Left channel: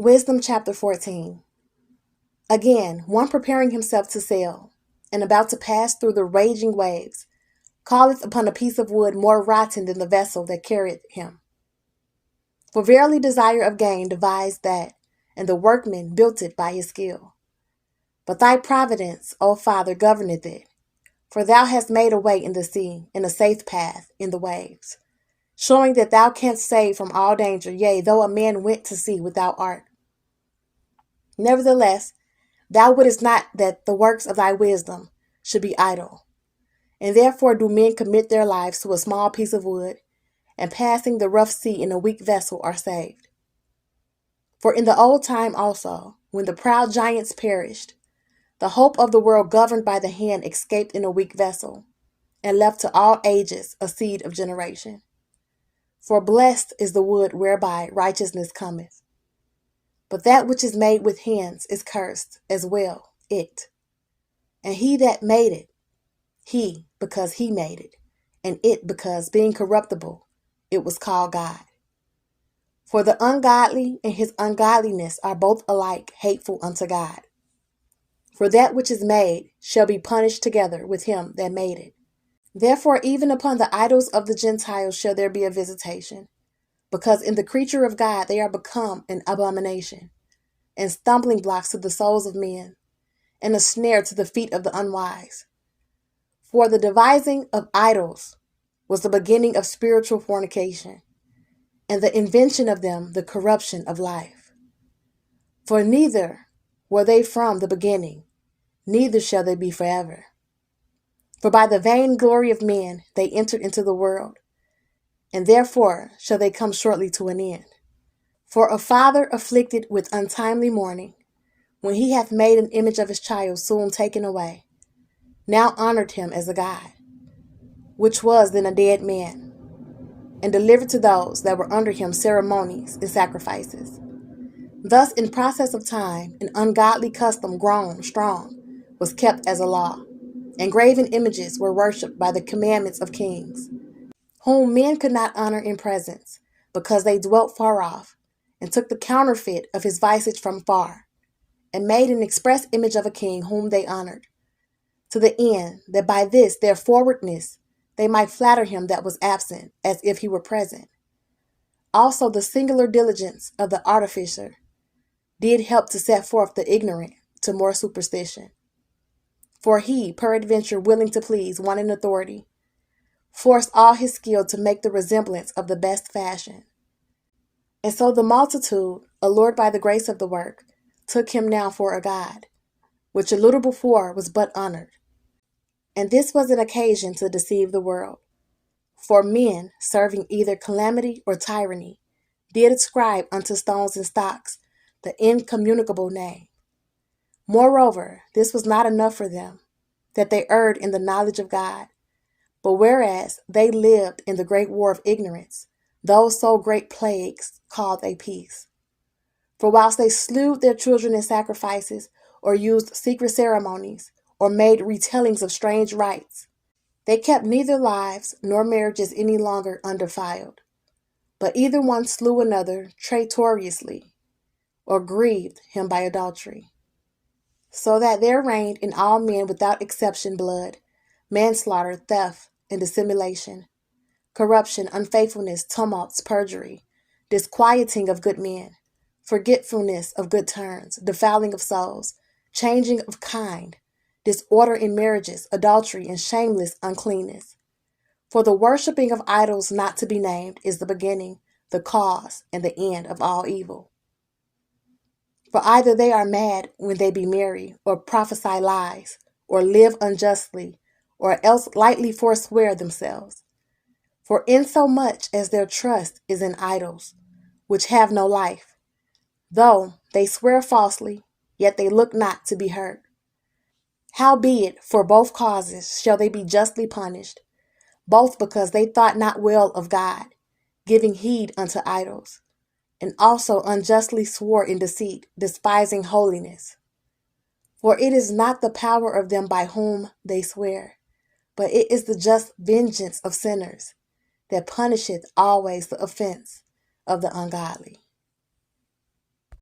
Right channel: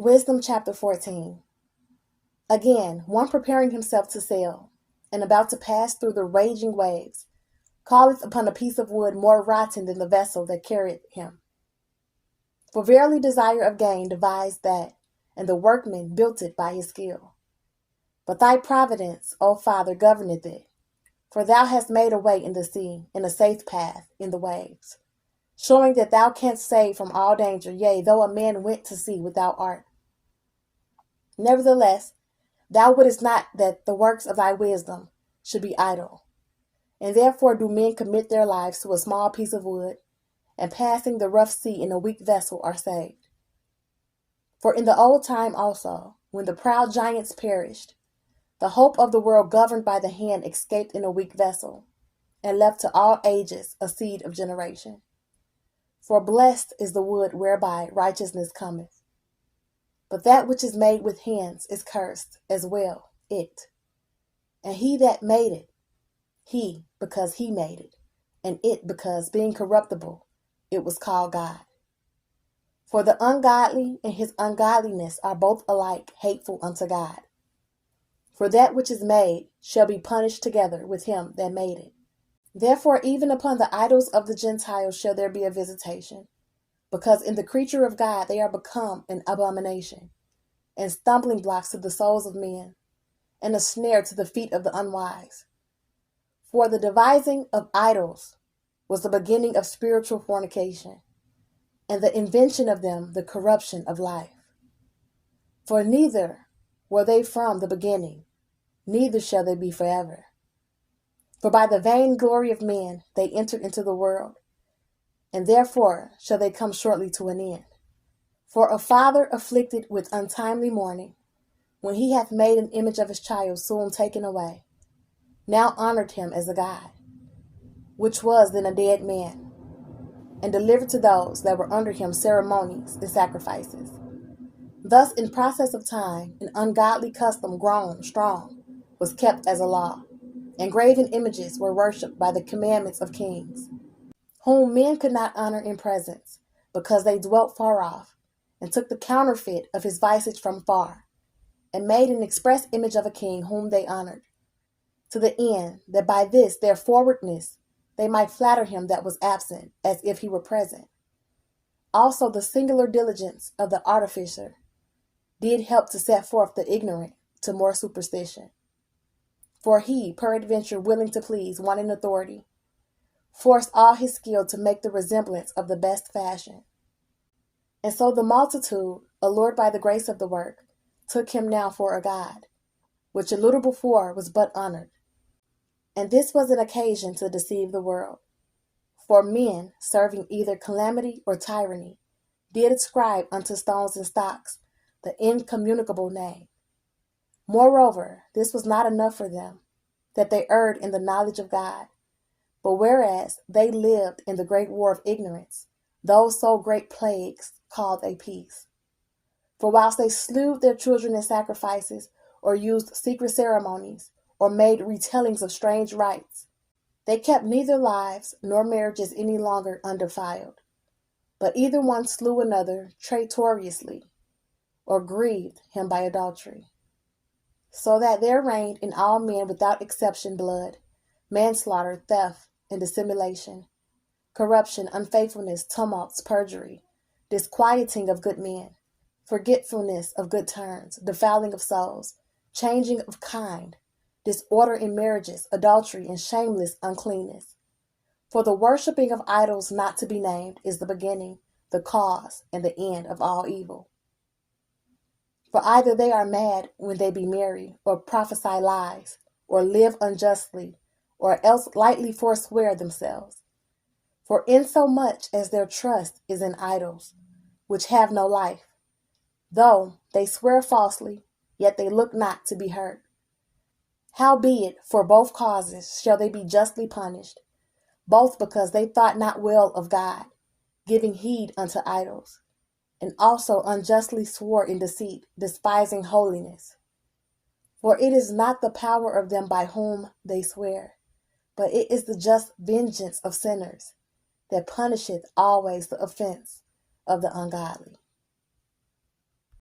Wisdom chapter 14. Again, one preparing himself to sail, and about to pass through the raging waves, calleth upon a piece of wood more rotten than the vessel that carried him. For verily desire of gain devised that, and the workman built it by his skill. But thy providence, O Father, governeth it, for thou hast made a way in the sea, and a safe path in the waves, showing that thou canst save from all danger, yea, though a man went to sea without art. Nevertheless, thou wouldest not that the works of thy wisdom should be idle. And therefore do men commit their lives to a small piece of wood, and passing the rough sea in a weak vessel are saved. For in the old time also, when the proud giants perished, the hope of the world governed by the hand escaped in a weak vessel, and left to all ages a seed of generation. For blessed is the wood whereby righteousness cometh. But that which is made with hands is cursed as well, it. And he that made it, he, because he made it, and it, because, being corruptible, it was called God. For the ungodly and his ungodliness are both alike hateful unto God. For that which is made shall be punished together with him that made it. Therefore even upon the idols of the Gentiles shall there be a visitation, because in the creature of God they are become an abomination, and stumbling blocks to the souls of men, and a snare to the feet of the unwise. For the devising of idols was the beginning of spiritual fornication, and the invention of them the corruption of life. For neither were they from the beginning, neither shall they be forever. For by the vain glory of men they entered into the world, and therefore shall they come shortly to an end. For a father afflicted with untimely mourning, when he hath made an image of his child soon taken away, now honored him as a God, which was then a dead man, and delivered to those that were under him ceremonies and sacrifices. Thus in process of time, an ungodly custom grown strong was kept as a law, and graven images were worshipped by the commandments of kings, whom men could not honor in presence, because they dwelt far off, and took the counterfeit of his visage from far, and made an express image of a king whom they honored, to the end that by this their forwardness they might flatter him that was absent, as if he were present. Also the singular diligence of the artificer did help to set forth the ignorant to more superstition. For he, peradventure willing to please one in authority, forced all his skill to make the resemblance of the best fashion. And so the multitude, allured by the grace of the work, took him now for a god, which a little before was but honored. And this was an occasion to deceive the world. For men, serving either calamity or tyranny, did ascribe unto stones and stocks the incommunicable name. Moreover, this was not enough for them, that they erred in the knowledge of God. But whereas they lived in the great war of ignorance, those so great plagues called a peace. For whilst they slew their children in sacrifices, or used secret ceremonies, or made retellings of strange rites, they kept neither lives nor marriages any longer undefiled, but either one slew another traitorously, or grieved him by adultery. So that there reigned in all men without exception blood, manslaughter, theft, and dissimulation, corruption, unfaithfulness, tumults, perjury, disquieting of good men, forgetfulness of good turns, defiling of souls, changing of kind, disorder in marriages, adultery, and shameless uncleanness. For the worshipping of idols not to be named is the beginning, the cause, and the end of all evil. For either they are mad when they be merry, or prophesy lies, or live unjustly, or else lightly forswear themselves. For insomuch as their trust is in idols, which have no life, though they swear falsely, yet they look not to be hurt. Howbeit, for both causes shall they be justly punished, both because they thought not well of God, giving heed unto idols, and also unjustly swore in deceit, despising holiness. For it is not the power of them by whom they swear, but it is the just vengeance of sinners, that punisheth always the offense of the ungodly.